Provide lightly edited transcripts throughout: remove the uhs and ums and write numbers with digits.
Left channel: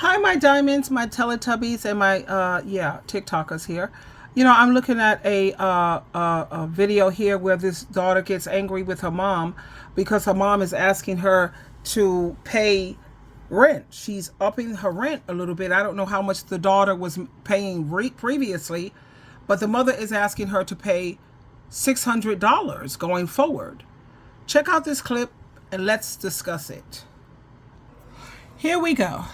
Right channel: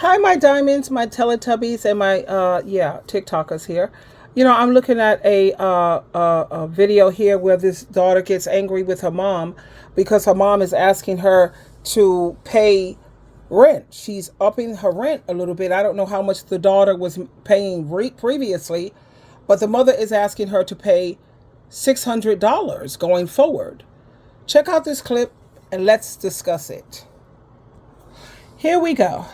Hi, my diamonds, my Teletubbies, and my TikTokers here. I'm looking at a video here where this daughter gets angry with her mom because her mom is asking her to pay rent. She's upping her rent a little bit. I don't know how much the daughter was paying previously, but the mother is asking her to pay $600 going forward. Check out this clip and let's discuss it. Here we go.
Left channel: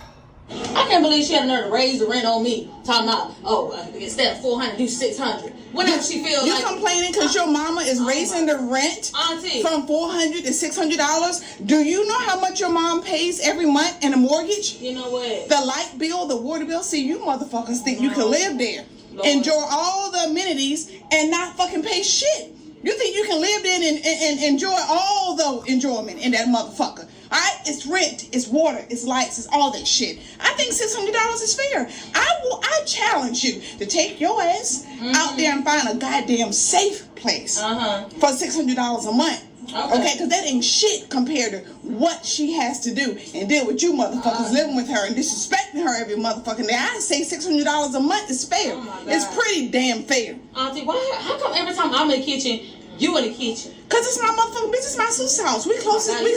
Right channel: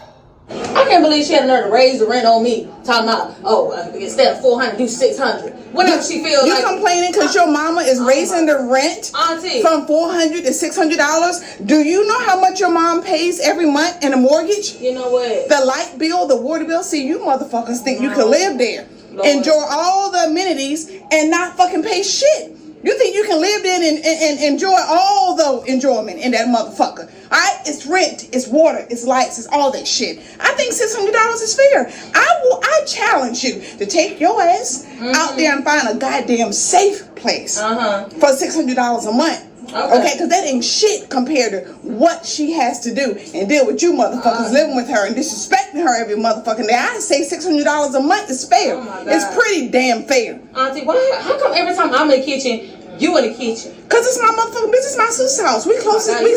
I can't believe she had the nerve to raise the rent on me. Talking about, instead of 400, do 600. Whenever she feels you like complaining because your mama is raising the rent Auntie. from $400 to $600. Do you know how much your mom pays every month in a mortgage? You know what? The light bill, the water bill. See, you motherfuckers think you can live there, enjoy all the amenities, and not fucking pay shit. You think you can live there and enjoy all the enjoyment in that motherfucker? All right, it's rent, it's water, it's lights, it's all that shit. I think $600 is fair. I challenge you to take your ass out there and find a goddamn safe place for $600 a month. Okay, because that ain't shit compared to what she has to do and deal with you motherfuckers living with her and disrespecting her every motherfucking day. I say $600 a month is fair. It's pretty damn fair. Auntie, how come every time I'm in the kitchen, you in the kitchen? Cause it's my motherfucking business, my sister's house. We close as shit.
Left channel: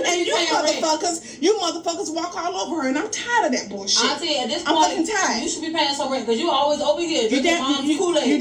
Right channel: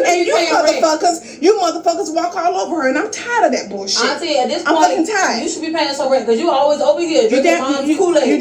And you motherfuckers walk all over her, and I'm tired of that bullshit. Auntie, at this point, I'm fucking tired. You should be paying some rent because you always over here drinking mom's Kool-Aid. You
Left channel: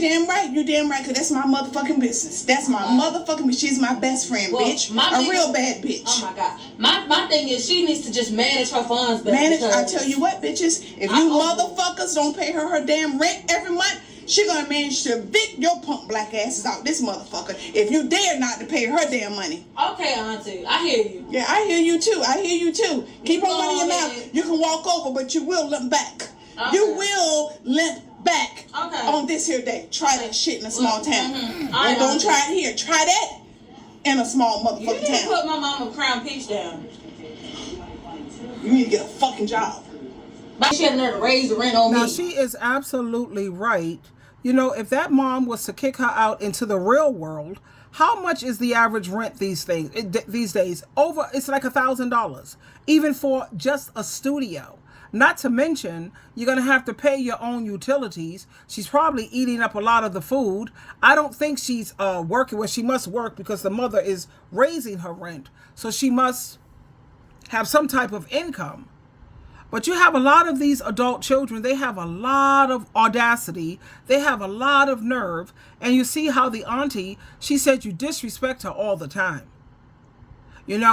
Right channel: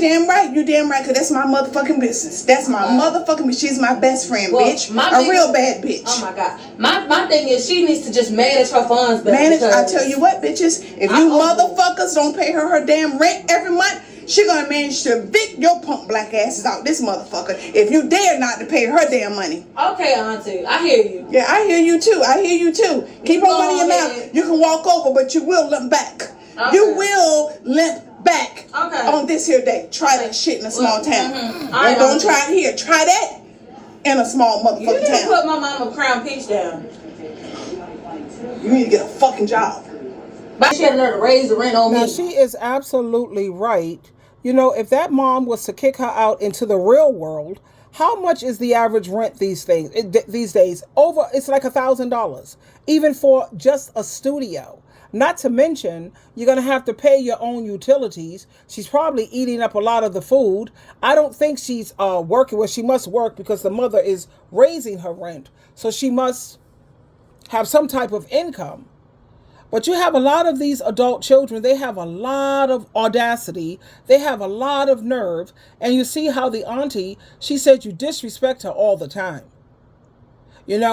damn right, cause that's my motherfucking business. That's my motherfucking business. She's my best friend, bitch. A real bad bitch. Oh my God. My thing is she needs to just manage her funds better. I tell you what, bitches, if you motherfuckers don't pay her damn rent every month, she gonna manage to evict your punk black asses out this motherfucker if you dare not to pay her damn money. Okay, Auntie, I hear you. Yeah, I hear you too. Keep on running your mouth. You can walk over, but you will limp back. Okay. You will limp back on this here day. Try that shit in a small town. And don't try it here. Try that in a small motherfucking town. You need to put my mama Crown Peach down. You need to get a fucking job. But she had the nerve to raise the rent on me. Now, she is absolutely right. If that mom was to kick her out into the real world, how much is the average rent these days? It's like $1,000, even for just a studio. Not to mention, you're going to have to pay your own utilities. She's probably eating up a lot of the food. I don't think she's working. Well, she must work because the mother is raising her rent. So she must have some type of income. But you have a lot of these adult children, they have a lot of audacity, they have a lot of nerve, and you see how the auntie, she said you disrespect her all the time. When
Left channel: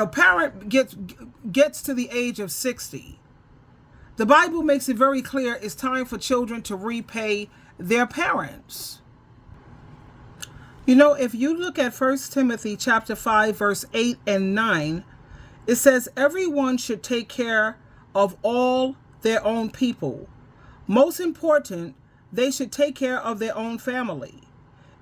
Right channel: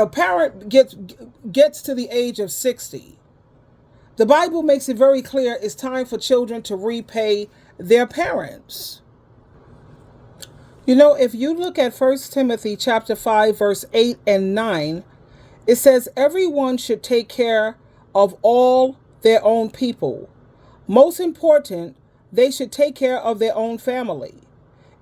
a parent gets to the age of 60, the Bible makes it very clear it's time for children to repay their parents. If you look at 1 Timothy chapter 5, verse 8 and 9, it says everyone should take care of all their own people. Most important, they should take care of their own family.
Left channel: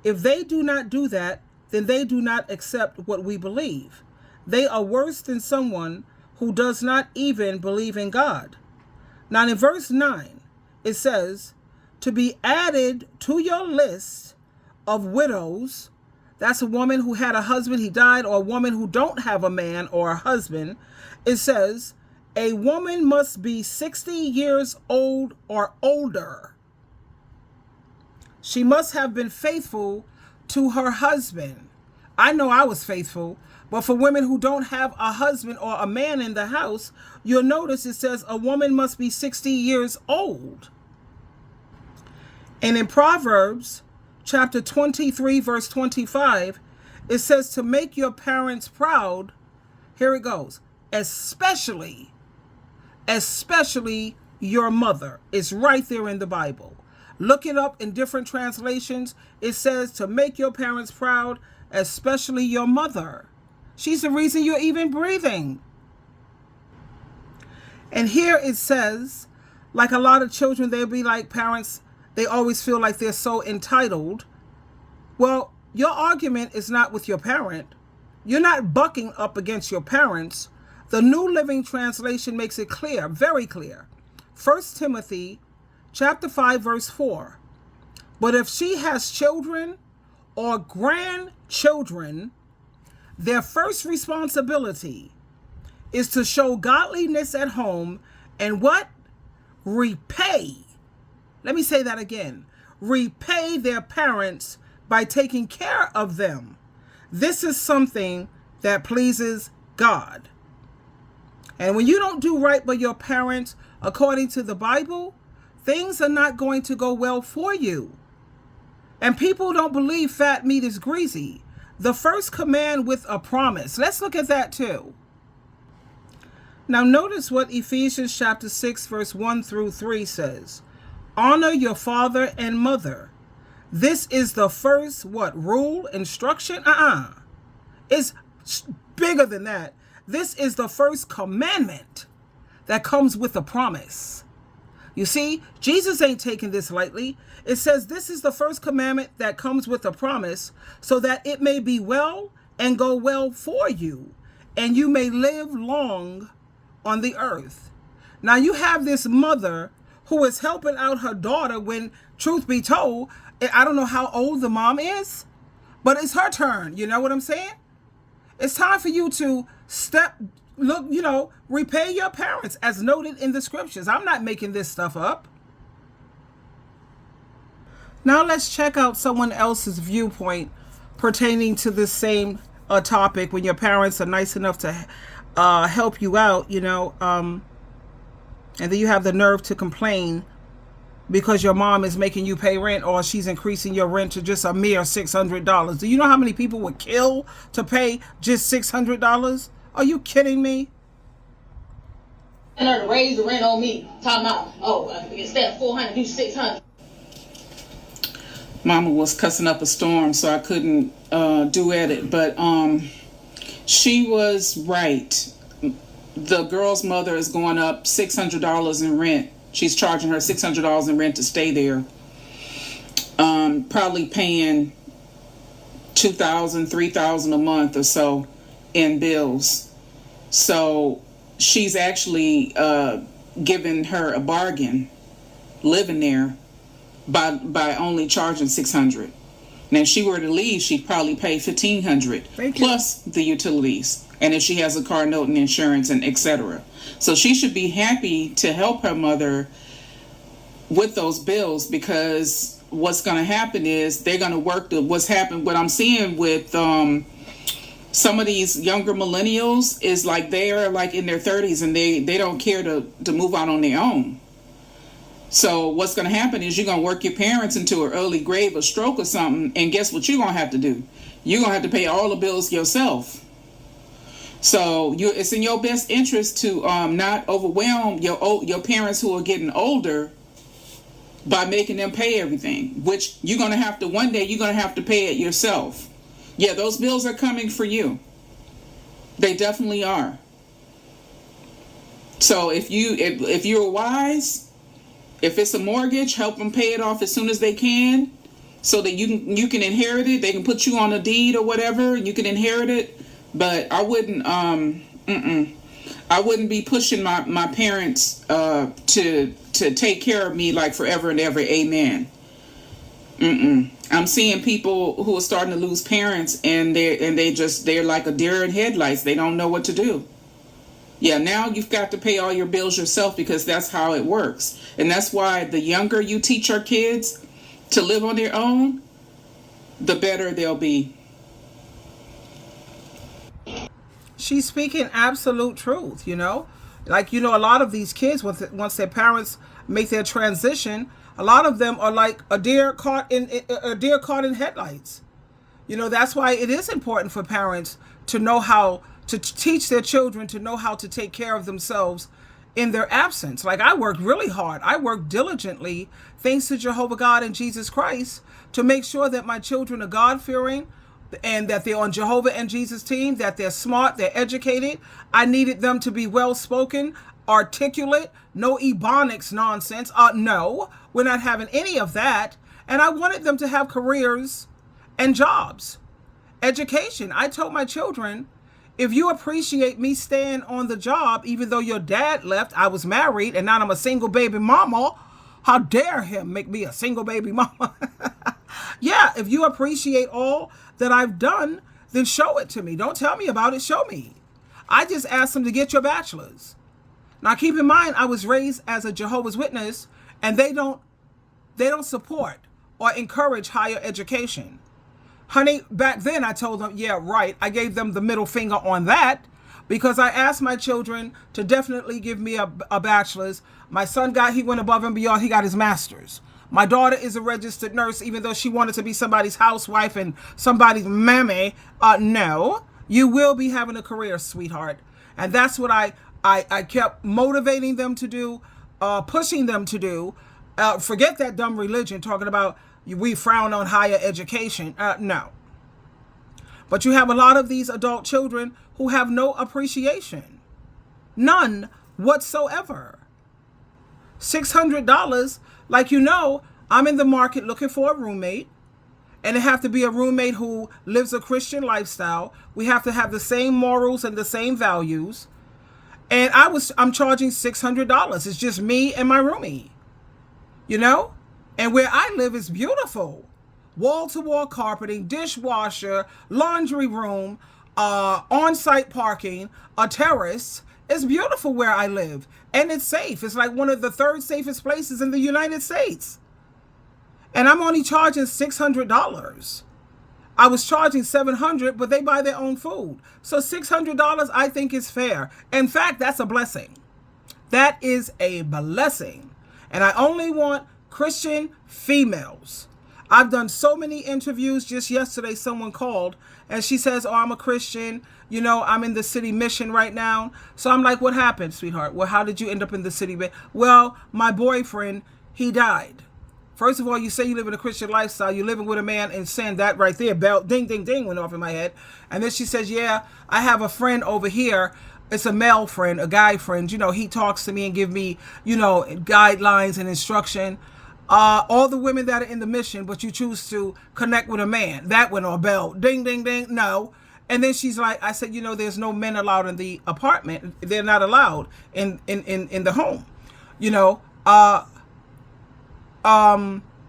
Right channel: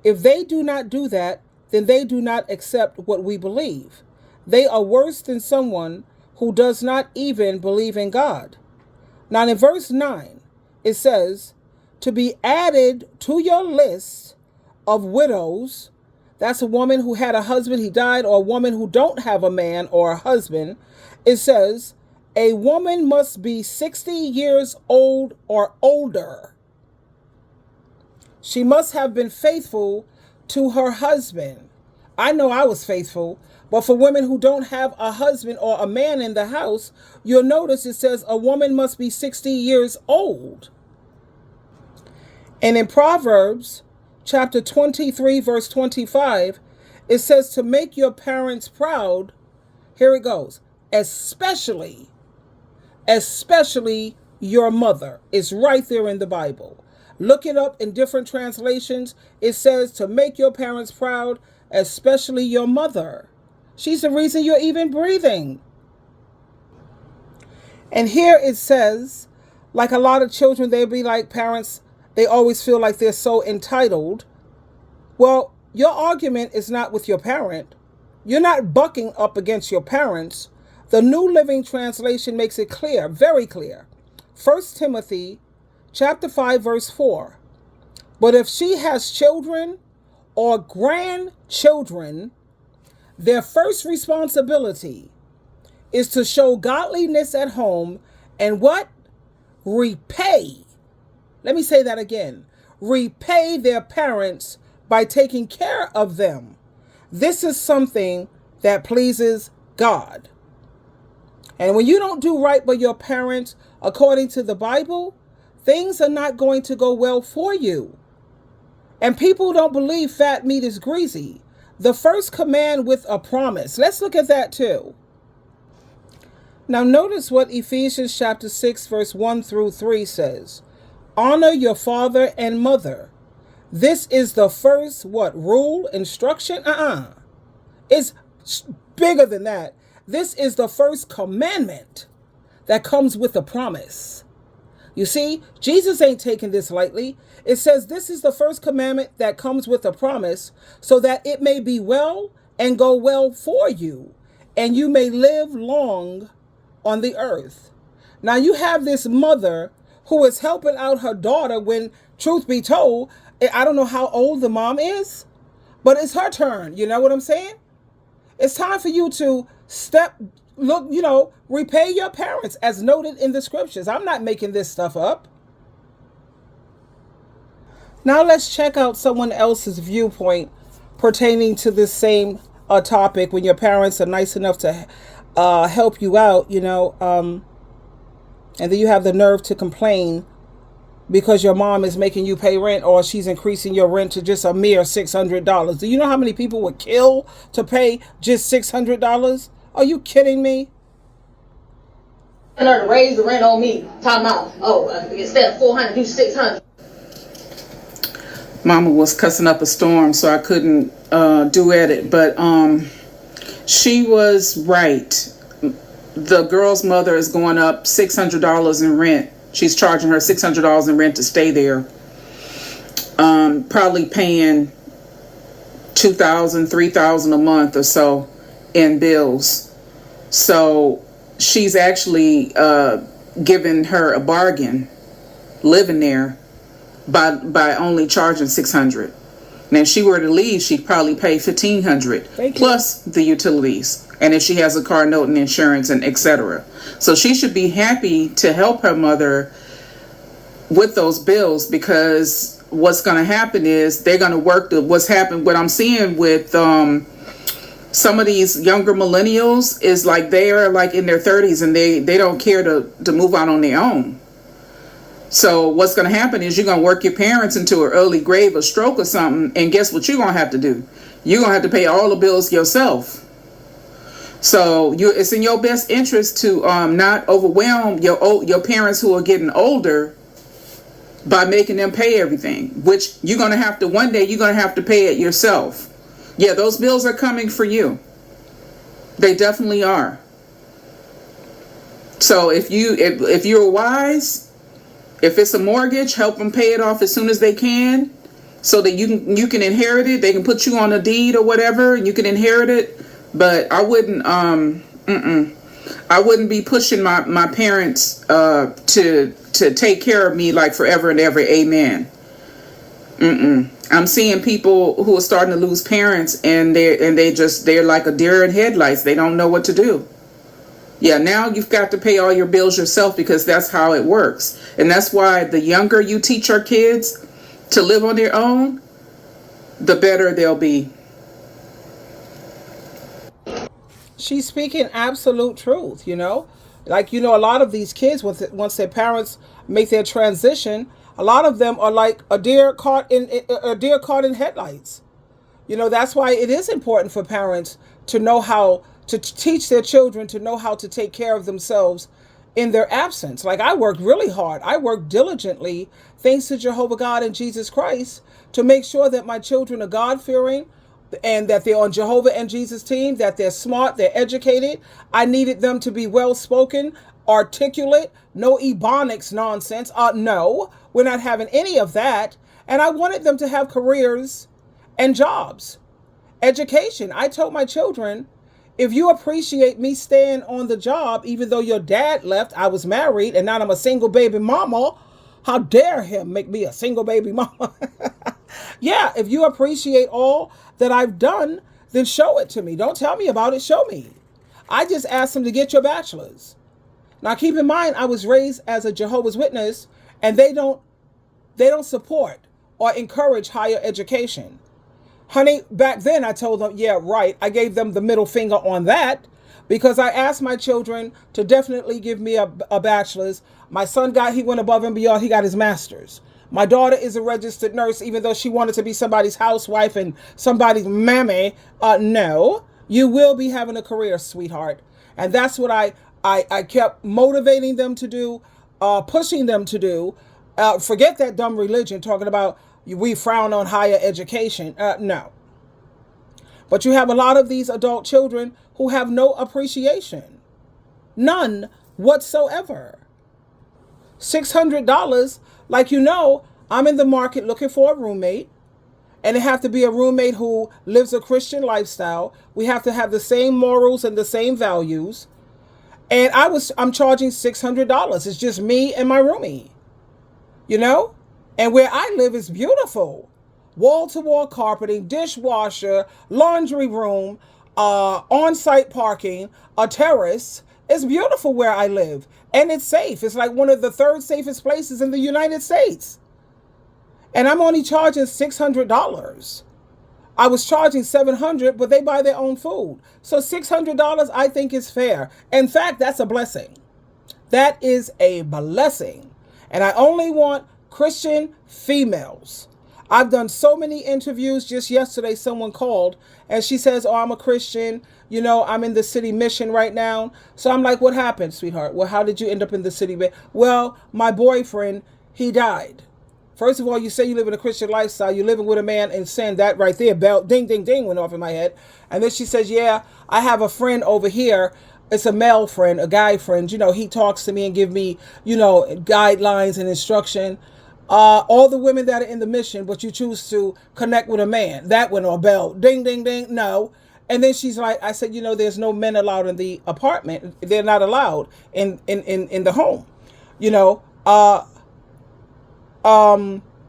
If they do not do that, then they do not accept what we believe. They are worse than someone who does not even believe in God. Now in verse 9, it says, to be added to your list of widows. That's a woman who had a husband, he died, or a woman who don't have a man or a husband. It says, a woman must be 60 years old or older. She must have been faithful to her husband. I know I was faithful, but for women who don't have a husband or a man in the house, you'll notice it says a woman must be 60 years old. And in Proverbs, chapter 23, verse 25, it says to make your parents proud. Here it goes. Especially your mother. It's right there in the Bible. Look it up in different translations. It says to make your parents proud, especially your mother. She's the reason you're even breathing. And here it says, like a lot of children, they'll be like parents, they always feel like they're so entitled. Well, your argument is not with your parent. You're not bucking up against your parents. The New Living Translation makes it clear, very clear. 1 Timothy chapter 5, verse 4. But if she has children or grandchildren, their first responsibility is to show godliness at home and what? Repay. Let me say that again. Repay their parents by taking care of them. This is something that pleases God. And when you don't do right by your parents, according to the Bible, things are not going to go well for you. And people don't believe fat meat is greasy. The first command with a promise. Let's look at that too. Now notice what Ephesians chapter 6 verse 1 through 3 says. Honor your father and mother. This is the first what? Rule? Instruction? It's bigger than that. This is the first commandment that comes with a promise. You see, Jesus ain't taking this lightly. It says this is the first commandment that comes with a promise so that it may be well and go well for you and you may live long on the earth. Now you have this mother who is helping out her daughter when, truth be told, I don't know how old the mom is, but it's her turn. You know what I'm saying? It's time for you to repay your parents as noted in the scriptures. I'm not making this stuff up. Now let's check out someone else's viewpoint pertaining to this same topic when your parents are nice enough to help you out, and then you have the nerve to complain because your mom is making you pay rent or she's increasing your rent to just a mere $600. Do you know how many people would kill to pay just $600? Are you kidding me? And her to raise the rent on me. Talking about, instead of 400, do 600. Mama was cussing up a storm, so I couldn't do it. But she was right. The girl's mother is going up $600 in rent. She's charging her $600 in rent to stay there. Probably paying $2,000, $3,000 a month or so in bills. So she's actually giving her a bargain living there by only charging $600. Now, if she were to leave, she'd probably pay $1,500 plus the utilities. And if she has a car note and insurance and etc. So she should be happy to help her mother with those bills, because what's going to happen is they're going to work what I'm seeing with some of these younger millennials is like they are like in their 30s and they don't care to move out on their own. So what's going to happen is you're going to work your parents into an early grave or stroke or something, and guess what you're going to have to do? You're going to have to pay all the bills yourself. So it's in your best interest to not overwhelm your parents who are getting older by making them pay everything, which you're going to have to, one day you're going to have to pay it yourself. Yeah, those bills are coming for you. They definitely are. So if you're wise, if it's a mortgage, help them pay it off as soon as they can, so that you can inherit it. They can put you on a deed or whatever, and you can inherit it. But I wouldn't be pushing my parents to take care of me like forever and ever. Amen. I'm seeing people who are starting to lose parents, and they're like a deer in headlights. They don't know what to do. Yeah, now you've got to pay all your bills yourself, because that's how it works. And that's why the younger you teach our kids to live on their own, the better they'll be. She's speaking absolute truth, Like, a lot of these kids, once their parents make their transition, a lot of them are like a deer caught in headlights. That's why it is important for parents to know how to teach their children to know how to take care of themselves in their absence. Like, I worked really hard. I worked diligently, thanks to Jehovah God and Jesus Christ, to make sure that my children are God-fearing and that they're on Jehovah and Jesus' team, that they're smart, they're educated. I needed them to be well-spoken, articulate, no ebonics nonsense. No, we're not having any of that. And I wanted them to have careers and jobs, education. I told my children, if you appreciate me staying on the job, even though your dad left, I was married, and now I'm a single baby mama, how dare him make me a single baby mama? Yeah, if you appreciate all that I've done, then show it to me. Don't tell me about it, show me. I just asked them to get your bachelor's. Now keep in mind, I was raised as a Jehovah's Witness, and they don't support or encourage higher education. Honey, back then I told them, yeah, right. I gave them the middle finger on that because I asked my children to definitely give me a bachelor's. My son he went above and beyond. He got his master's. My daughter is a registered nurse, even though she wanted to be somebody's housewife and somebody's mammy. No, you will be having a career, sweetheart. And that's what I kept motivating them to do, pushing them to do. Forget that dumb religion talking about we frown on higher education. No. But you have a lot of these adult children who have no appreciation. None whatsoever. $600, like I'm in the market looking for a roommate. And it have to be a roommate who lives a Christian lifestyle. We have to have the same morals and the same values. And I'm charging $600. It's just me and my roomie. And where I live is beautiful. Wall-to-wall carpeting, dishwasher, laundry room, on-site parking, a terrace. It's beautiful where I live. And it's safe. It's like one of the third safest places in the United States. And I'm only charging $600. I was charging $700, but they buy their own food. So $600 I think is fair. In fact, that's a blessing. That is a blessing. And I only want Christian females. I've done so many interviews. Just yesterday, someone called and she says, oh, I'm a Christian. I'm in the city mission right now. So I'm like, what happened, sweetheart? Well, how did you end up in the city? Well, my boyfriend, he died. First of all, you say you live in a Christian lifestyle. You're living with a man in sin. That right there, bell, ding, ding, ding, went off in my head. And then she says, yeah, I have a friend over here. It's a male friend, a guy friend. He talks to me and give me, guidelines and instruction. All the women that are in the mission, but you choose to connect with a man. That went on bell, ding, ding, ding. No. And then she's like, I said, there's no men allowed in the apartment. They're not allowed in the home,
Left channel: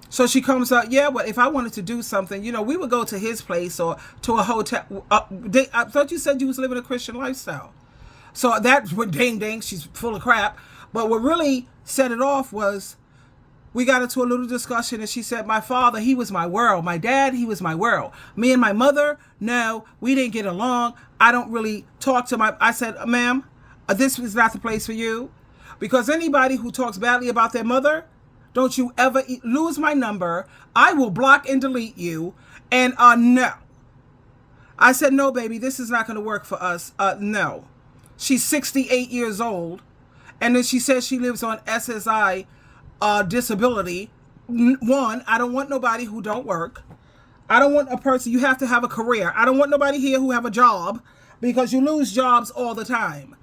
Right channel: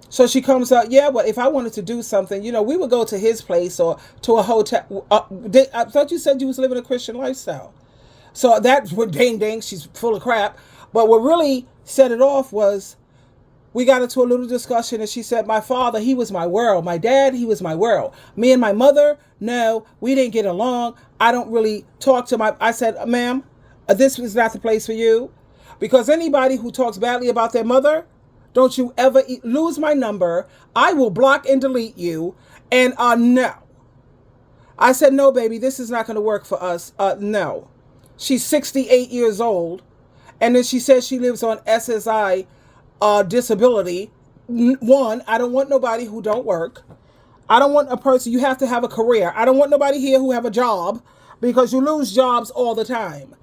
So she comes out, yeah, but if I wanted to do something, we would go to his place or to a hotel. I thought you said you was living a Christian lifestyle. So that went ding, ding, she's full of crap. But what really set it off was we got into a little discussion and she said, my father, he was my world. My dad, he was my world. Me and my mother, no, we didn't get along. I don't really talk to I said, ma'am, this is not the place for you. Because anybody who talks badly about their mother, don't you ever lose my number. I will block and delete you. And no. I said, no, baby, this is not going to work for us. No. She's 68 years old. And then she says she lives on SSI disability. One, I don't want nobody who don't work. I don't want a person, you have to have a career. I don't want nobody here who have a job because you lose jobs all the time.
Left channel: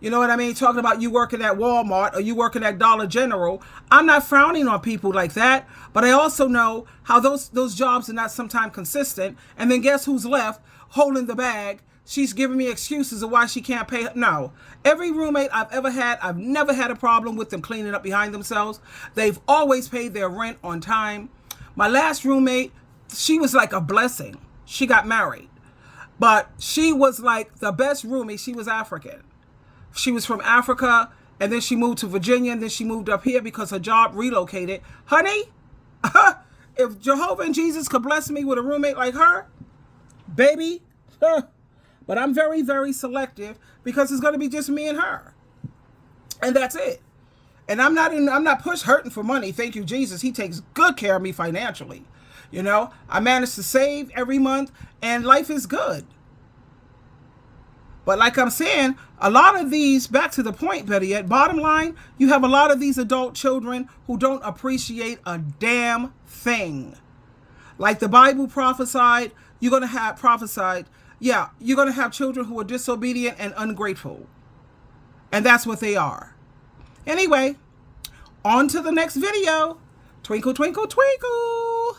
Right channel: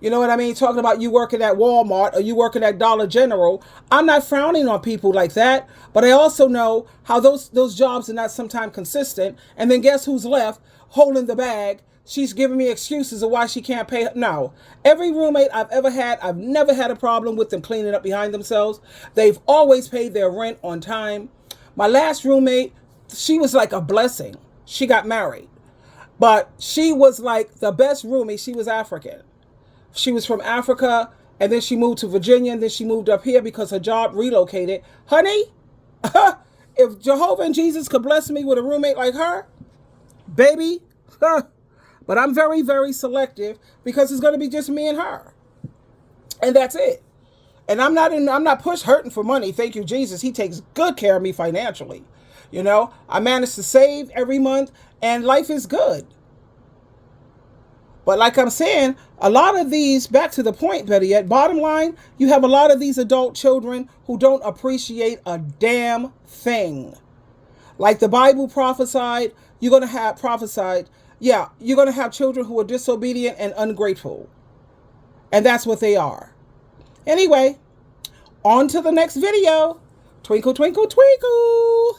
You know what I mean? Talking about you working at Walmart or you working at Dollar General. I'm not frowning on people like that, but I also know how those jobs are not sometimes consistent. And then guess who's left holding the bag? She's giving me excuses of why she can't pay. No. Every roommate I've ever had, I've never had a problem with them cleaning up behind themselves. They've always paid their rent on time. My last roommate, she was like a blessing. She got married. But she was like the best roommate. She was African. She was from Africa, and then she moved to Virginia, and then she moved up here because her job relocated. Honey, if Jehovah and Jesus could bless me with a roommate like her, baby, but I'm very, very selective because it's going to be just me and her. And that's it. And I'm not hurting for money. Thank you, Jesus. He takes good care of me financially. I manage to save every month and life is good. But like I'm saying, a lot of these, back to the point, better yet, bottom line, you have a lot of these adult children who don't appreciate a damn thing. Like the Bible prophesied, you're going to have children who are disobedient and ungrateful. And that's what they are. Anyway, on to the next video. Twinkle, twinkle, twinkle.